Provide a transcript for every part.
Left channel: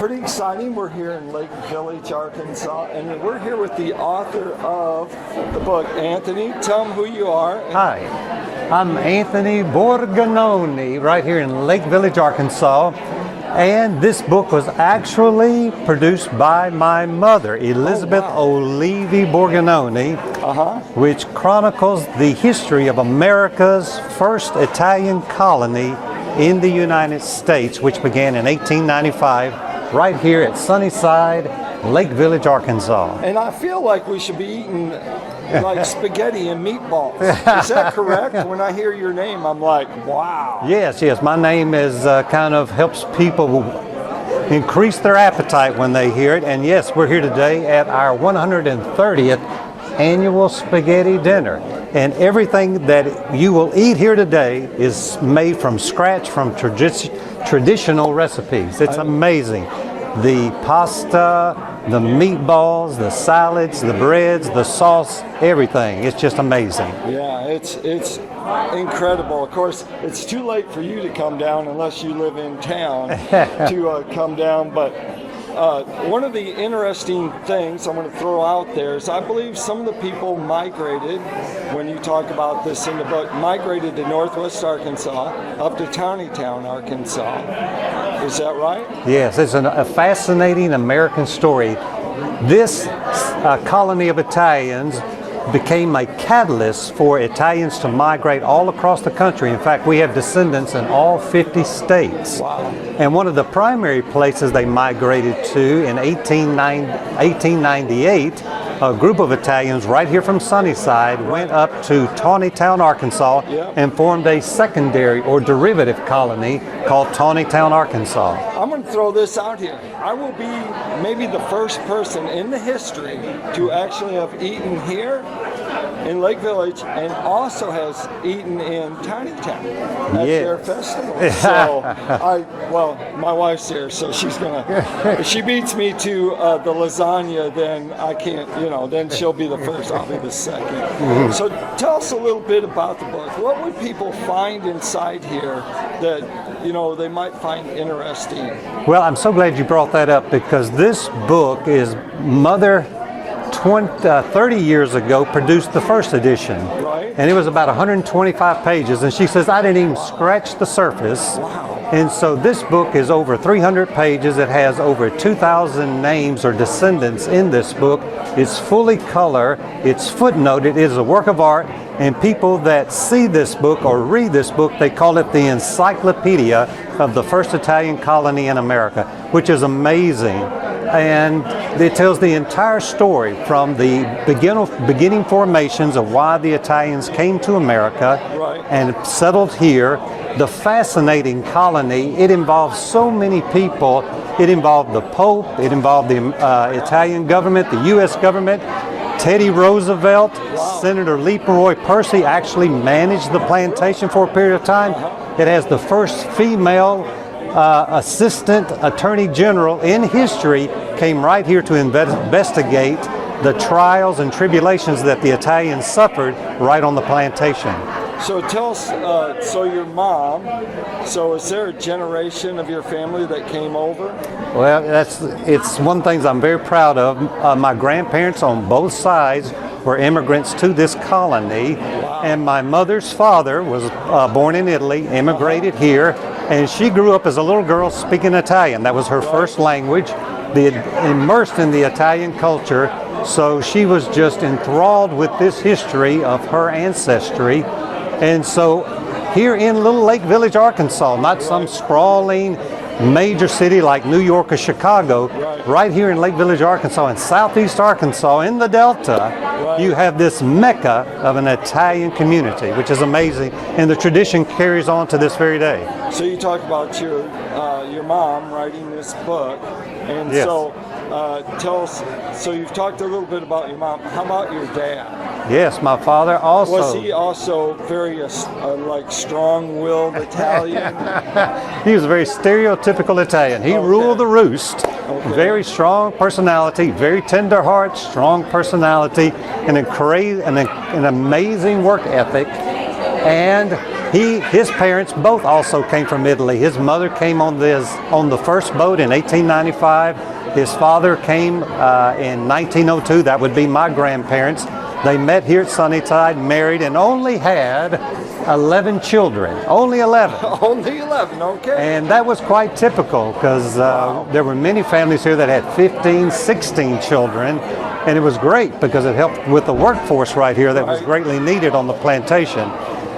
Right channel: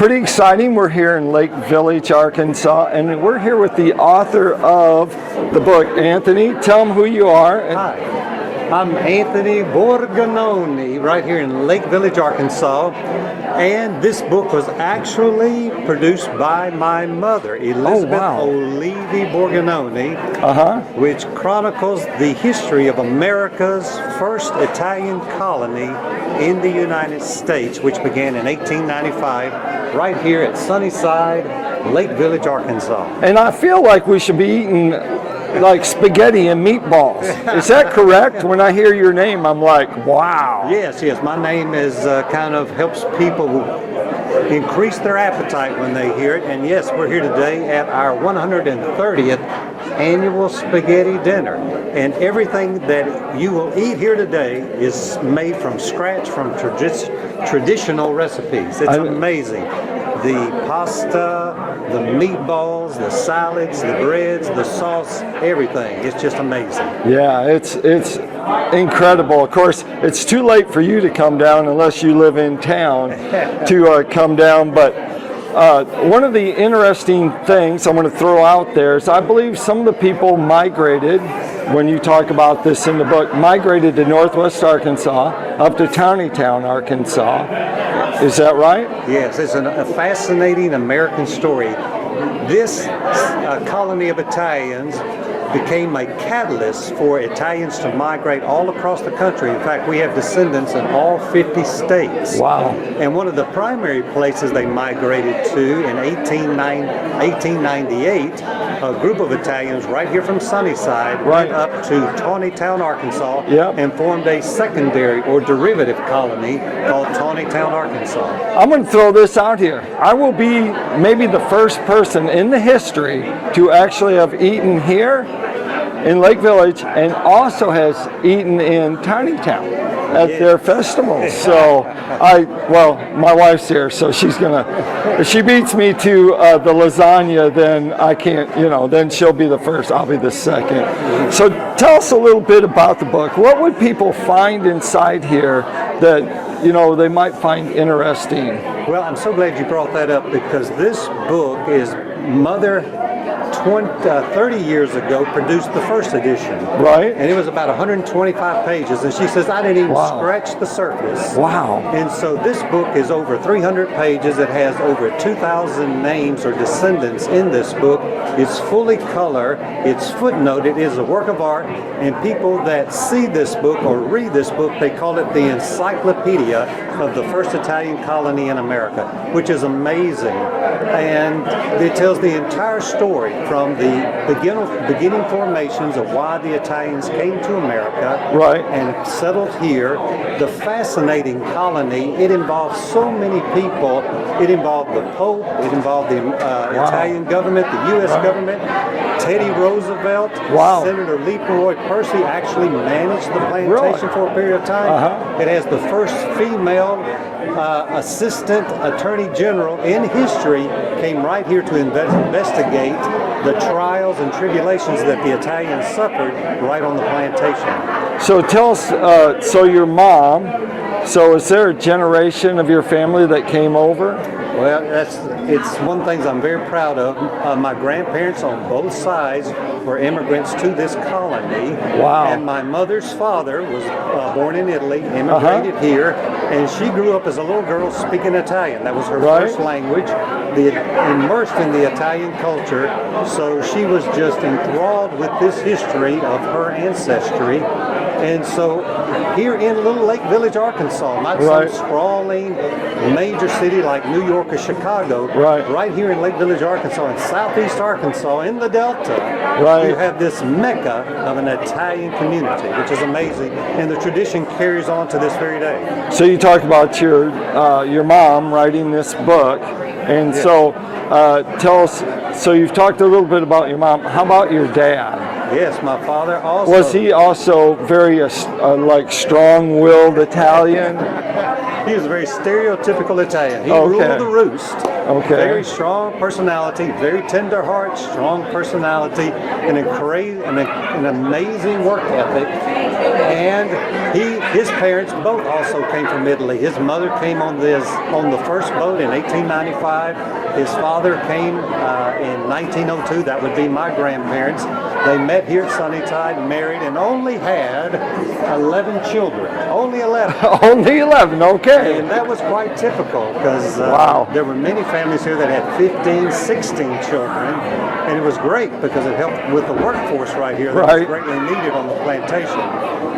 pretty exciting. We're here in Lake Village, Arkansas, and we're here with the author of the book. Anthony, tell them who you are. Hi, I'm Anthony Borgognoni, right here in Lake Village, Arkansas. And this book was actually produced by my mother, Elizabeth O'Leary Borgognoni, which chronicles the history of America's first Italian colony in the United States, which began in 1895, right here at Sunnyside, Lake Village, Arkansas. And I feel like we should be eating like spaghetti and meatballs. Is that correct? When I hear your name, I'm like, wow. Yes. My name is kind of helps people increase their appetite when they hear it. And yes, we're here today at our 130th annual spaghetti dinner. And everything that you will eat here today is made from scratch from traditional recipes. It's amazing. The pasta, the meatballs, the salads, the breads, the sauce, everything. It's just amazing. Yeah, it's incredible. Of course, it's too late for you to come down unless you live in town to come down. But one of the interesting things I'm going to throw out there is I believe some of the people migrated, when you talk about this in the book, migrated to Northwest Arkansas, up to Tawnytown, Arkansas. Is that right? Yes, it's a fascinating American story. This colony of Italians became a catalyst for Italians to migrate all across the country. In fact, we have descendants in all 50 states. Wow. And one of the primary places they migrated to in 1898, a group of Italians right here from Sunnyside went up to Tawnytown, Arkansas, and formed a secondary or derivative colony called Tawnytown, Arkansas. I'm going to throw this out here. I will be maybe the first person in the history to actually have eaten here in Lake Village and also has eaten in Tawnytown at their festival. So my wife's here, so she's gonna, if she beats me to the lasagna, then I can't, then she'll be the first, I'll be the second. So tell us a little bit about the book. What would people find inside here that they might find interesting? Well, I'm so glad you brought that up, because this book is Mother 30 years ago produced the first edition. Right. And it was about 125 pages, and she says, I didn't even scratch the surface. Wow. And so this book is over 300 pages. It has over 2,000 names or descendants in this book. It's fully color. It's footnoted. It is a work of art. And people that see this book or read this book, they call it the encyclopedia of the first Italian colony in America, which is amazing. And it tells the entire story from the beginning formations of why the Italians came to America and settled here. The fascinating colony, it involves so many people. It involved the Pope, it involved the Italian government, the U.S. government, Teddy Roosevelt, Senator Leroy Percy actually managed the plantation for a period of time. It has the first female assistant attorney general in history came right here to investigate the trials and tribulations that the Italians suffered right on the plantation. So tell us, so your mom, so is there a generation of your family that came over? Well, it's one of the things I'm very proud of. My grandparents on both sides were immigrants to this colony. Wow. And my mother's father was born in Italy, immigrated here, and she grew up as a little girl speaking Italian. That was her first language, immersed in the Italian culture. So she was just enthralled with this history of her ancestry. And so here in little Lake Village, Arkansas, not some sprawling major city like New York or Chicago, right here in Lake Village, Arkansas, in southeast Arkansas, in the Delta, you have this mecca of an Italian community, which is amazing, and the tradition carries on to this very day. So you talk about your mom writing this book, and so tell us, so you've talked a little bit about your mom. How about your dad? Yes, my father also. Was he also very strong-willed Italian? He was a very stereotypul Italian. He ruled the roost. Very strong personality, very tender heart, strong personality, an amazing work ethic, and His parents both also came from Italy. His mother came on the first boat in 1895. His father came in 1902. That would be my grandparents. They met here at Sunnyside, married, and only had 11 children. Only 11. Only 11, okay. And that was quite typical because there were many families here that had 15, 16 children. And it was great because it helped with the workforce right here that was greatly needed on the plantation.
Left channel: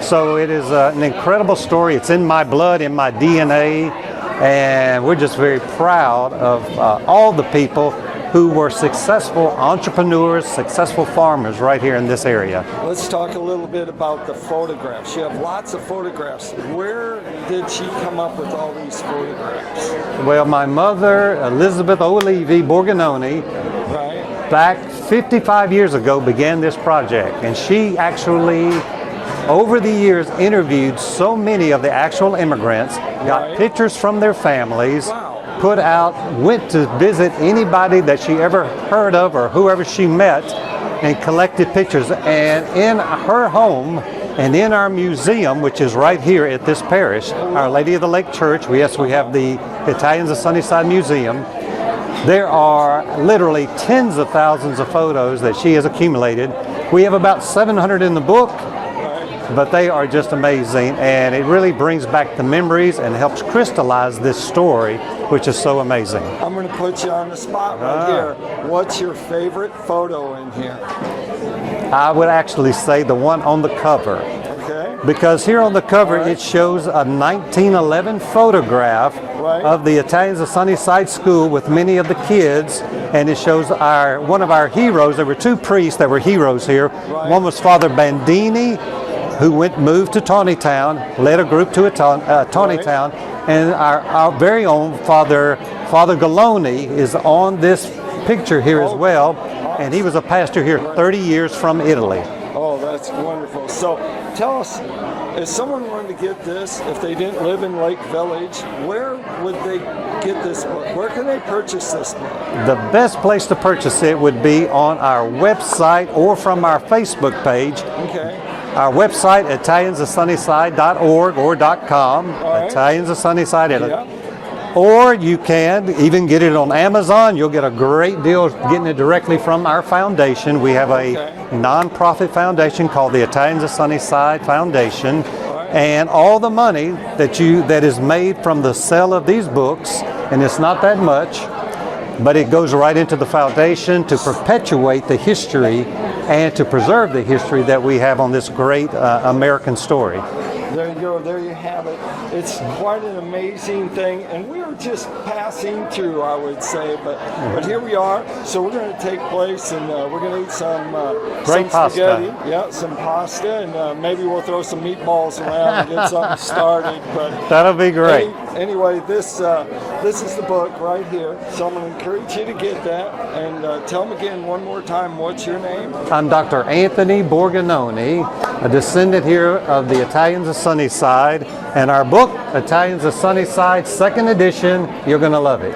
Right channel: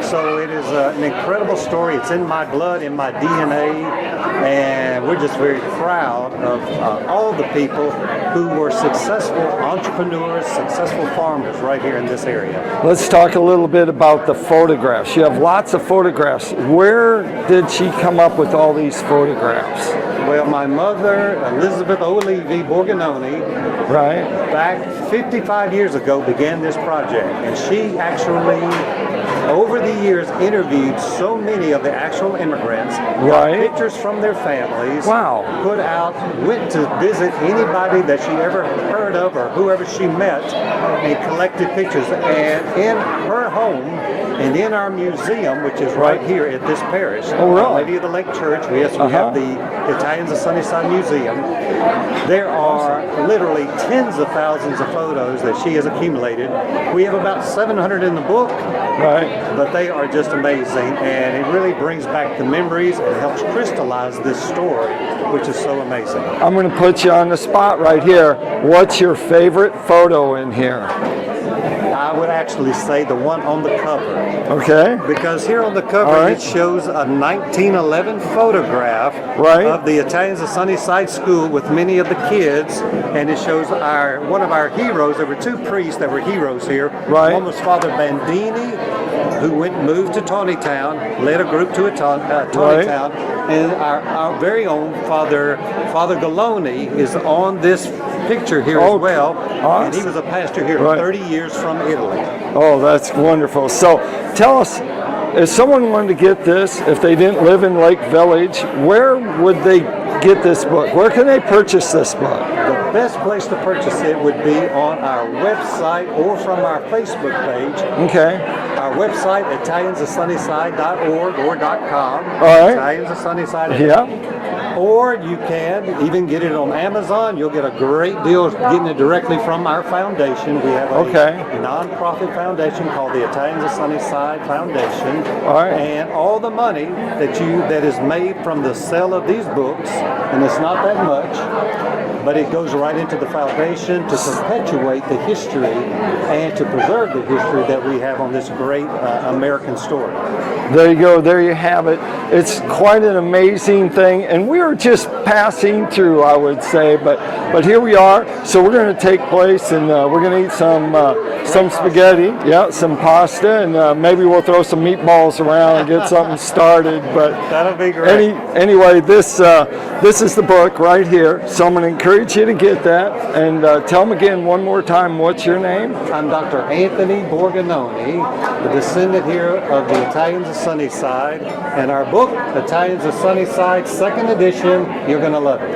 So it is an incredible story. It's in my blood, in my DNA, and we're just very proud of all the people who were successful entrepreneurs, successful farmers right here in this area. Let's talk a little bit about the photographs. You have lots of photographs. Where did she come up with all these photographs? Well, my mother, Elizabeth Olivi Borgognoni, back 55 years ago began this project, and she actually over the years interviewed so many of the actual immigrants, got pictures from their families, put out, went to visit anybody that she ever heard of or whoever she met, and collected pictures. And in her home and in our museum, which is right here at this parish, Our Lady of the Lake Church, we have the Italians of Sunnyside Museum. There are literally tens of thousands of photos that she has accumulated. We have about 700 in the book. But they are just amazing, and it really brings back the memories and helps crystallize this story, which is so amazing. I'm going to put you on the spot right here. What's your favorite photo in here? I would actually say the one on the cover. Okay. Because here on the cover it shows a 1911 photograph of the Italians of Sunnyside School with many of the kids, and it shows one of our heroes. There were two priests that were heroes here. One was Father Bandini, who moved to Tawnytown, led a group to Tawnytown, and our very own Father Galoni is on this picture here as well, and he was a pastor here 30 years from Italy. Oh, that's wonderful. So tell us, if someone wanted to get this, if they didn't live in Lake Village, where would they get this book? Where can they purchase this book? The best place to purchase it would be on our website or from our Facebook page. Okay. Our website, italiansofsunnyside.org or .com. Italians of Sunnyside. Or you can even get it on Amazon. You'll get a great deal getting it directly from our foundation. We have a non-profit foundation called the Italians of Sunnyside Foundation. And all the money that is made from the sale of these books, and it's not that much, but it goes right into the foundation to perpetuate the history and to preserve the history that we have on this great American story. There you go. There you have it. It's quite an amazing thing, and we are just passing through, I would say, but here we are. So we're going to take place, and we're going to eat some spaghetti, some pasta, and maybe we'll throw some meatballs around and get something started. But that'll be great. Anyway, this is the book right here. So I'm going to encourage you to get that, and tell them again one more time. What's your name? I'm Dr. Anthony Borgognoni, a descendant here of the Italians of Sunnyside, and our book, Italians of Sunnyside, 2nd edition, you're going to love it.